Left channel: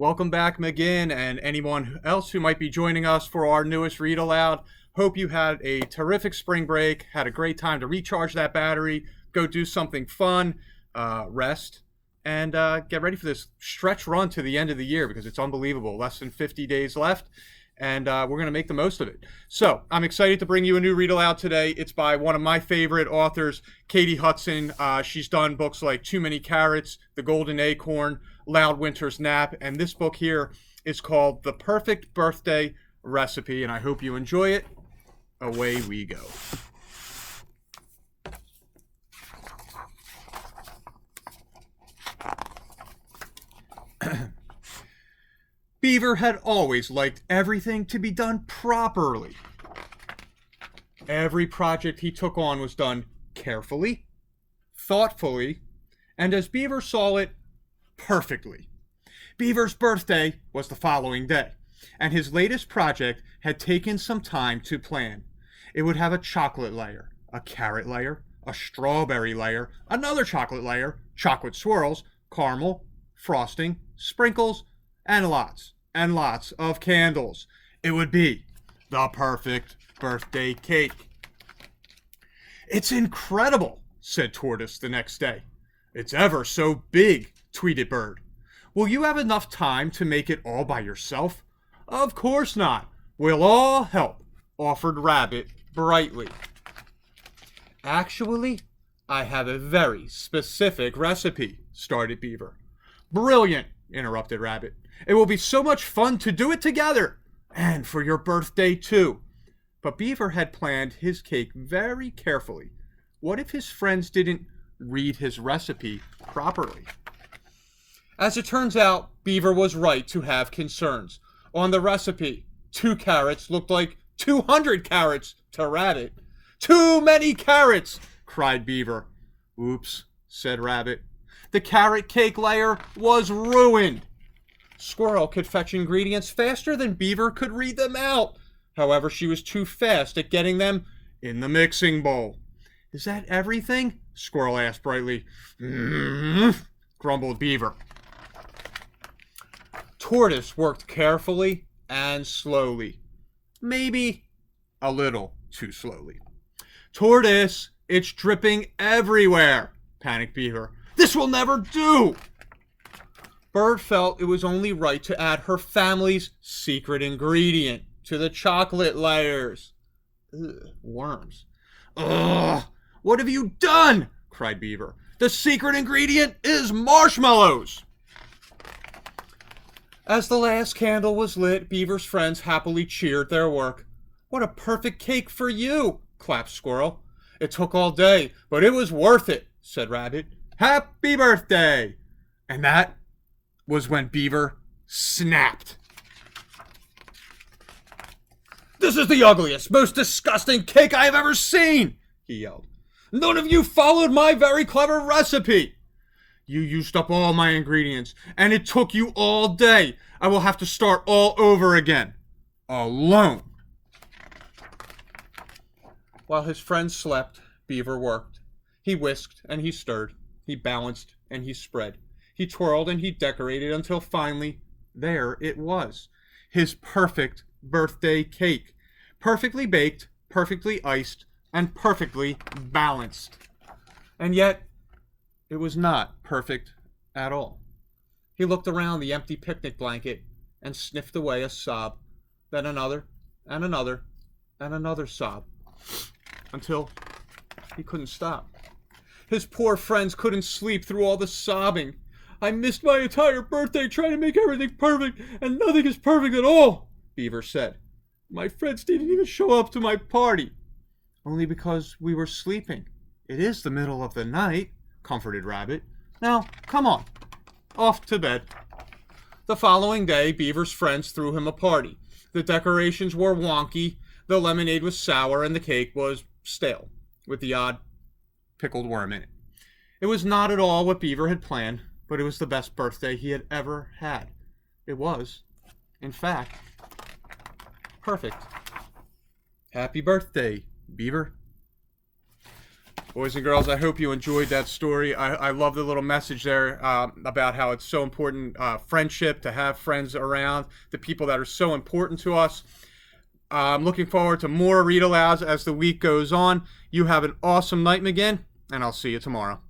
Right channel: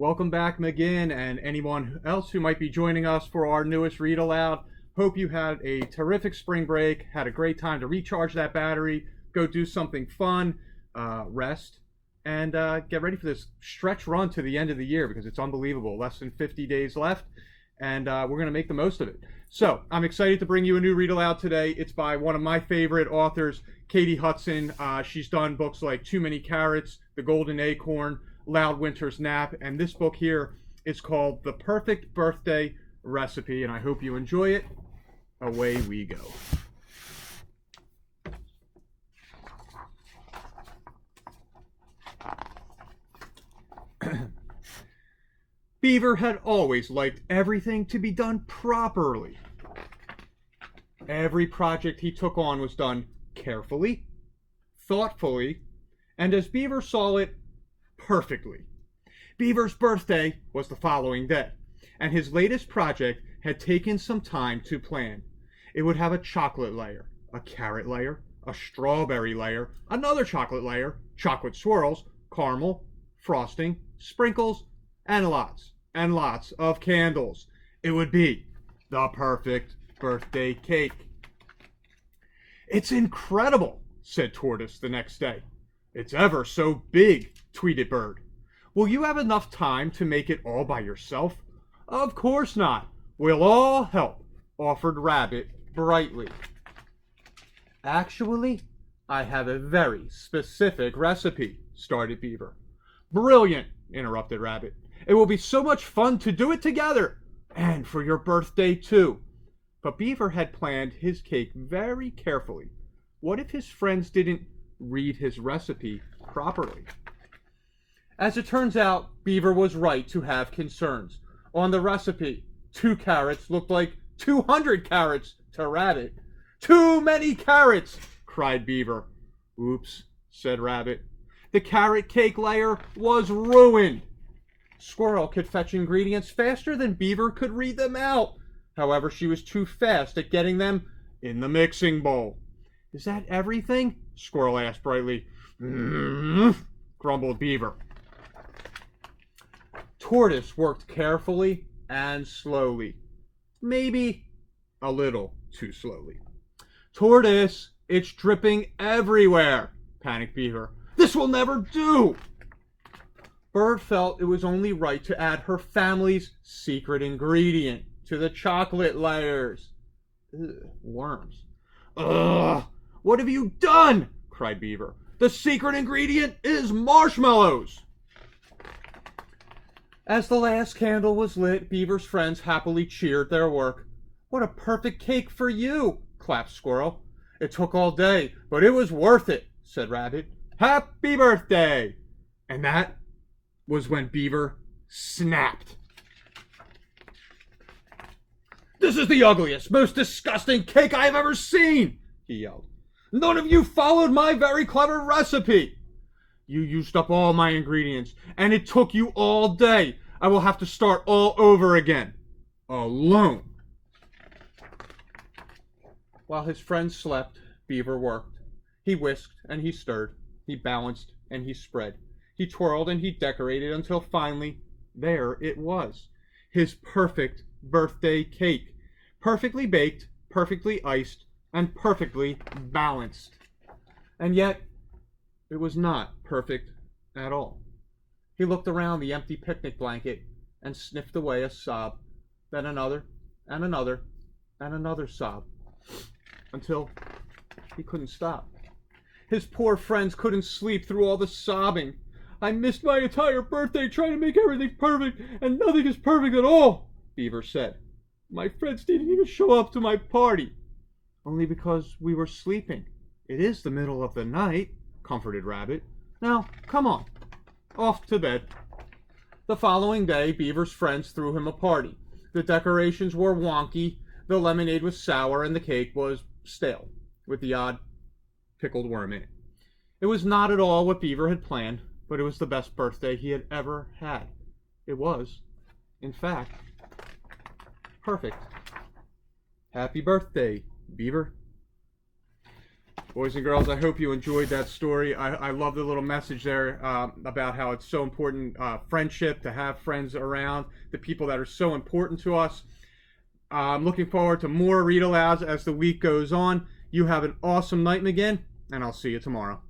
Welcome back, McGinn, and anyone else who might be joining us for our newest read aloud. Hope you had a terrific spring break, had a great time to recharge that battery, go do something fun, rest, and get ready for this stretch run to the end of the year because it's unbelievable. Less than 50 days left, and we're going to make the most of it. So I'm excited to bring you a new read aloud today. It's by one of my favorite authors, Katie Hudson. She's done books like Too Many Carrots, The Golden Acorn, Loud Winter's Nap, and this book here is called The Perfect Birthday Recipe, and I hope you enjoy it. Away we go. Beaver had always liked everything to be done properly. Every project he took on was done carefully, thoughtfully, and as Beaver saw it, perfectly. Beaver's birthday was the following day, and his latest project had taken some time to plan. It would have a chocolate layer, a carrot layer, a strawberry layer, another chocolate layer, chocolate swirls, caramel, frosting, sprinkles, and lots of candles. It would be the perfect birthday cake. "It's incredible," said Tortoise the next day. "It's ever so big," tweeted Bird. "Will you have enough time to make it all by yourself?" "Of course not. We'll all help," offered Rabbit brightly. "Actually, I have a very specific recipe," started Beaver. "Brilliant," interrupted Rabbit. "It will be so much fun to do it together. And for your birthday, too." But Beaver had planned his cake very carefully. What if his friends didn't read his recipe properly? As it turns out, Beaver was right to have concerns. On the recipe, 2 carrots looked like 200 carrots to Rabbit. "Too many carrots!" cried Beaver. "Oops," said Rabbit. The carrot cake layer was ruined. Squirrel could fetch ingredients faster than Beaver could read them out. However, she was too fast at getting them in the mixing bowl. "Is that everything?" Squirrel asked brightly. Grumbled Beaver. Tortoise worked carefully and slowly. Maybe a little too slowly. "Tortoise, it's dripping everywhere," panicked Beaver. "This will never do." Bird felt it was only right to add her family's secret ingredient to the chocolate layers. Worms. "Ugh! What have you done?" cried Beaver. "The secret ingredient is marshmallows." As the last candle was lit, Beaver's friends happily cheered their work. "What a perfect cake for you," clapped Squirrel. "It took all day, but it was worth it," said Rabbit. "Happy birthday!" And that was when Beaver snapped. "This is the ugliest, most disgusting cake I have ever seen," he yelled. "None of you followed my very clever recipe. You used up all my ingredients, and it took you all day. I will have to start all over again. Alone." While his friends slept, Beaver worked. He whisked and he stirred. He balanced and he spread. He twirled and he decorated until finally, there it was. His perfect birthday cake. Perfectly baked, perfectly iced, and perfectly balanced. And yet, it was not perfect at all. He looked around the empty picnic blanket and sniffed away a sob, then another, and another, and another sob, until he couldn't stop. His poor friends couldn't sleep through all the sobbing. "I missed my entire birthday trying to make everything perfect, and nothing is perfect at all," Beaver said. "My friends didn't even show up to my party." "Only because we were sleeping. It is the middle of the night," comforted Rabbit. "Now, come on, off to bed." The following day, Beaver's friends threw him a party. The decorations were wonky, the lemonade was sour, and the cake was stale, with the odd pickled worm in it. It was not at all what Beaver had planned, but it was the best birthday he had ever had. It was, in fact, perfect. Happy birthday, Beaver. Boys and girls, I hope you enjoyed that story. I love the little message there about how it's so important, friendship, to have friends around, the people that are so important to us. I'm looking forward to more read alouds as the week goes on. You have an awesome night, McGinn, and I'll see you tomorrow.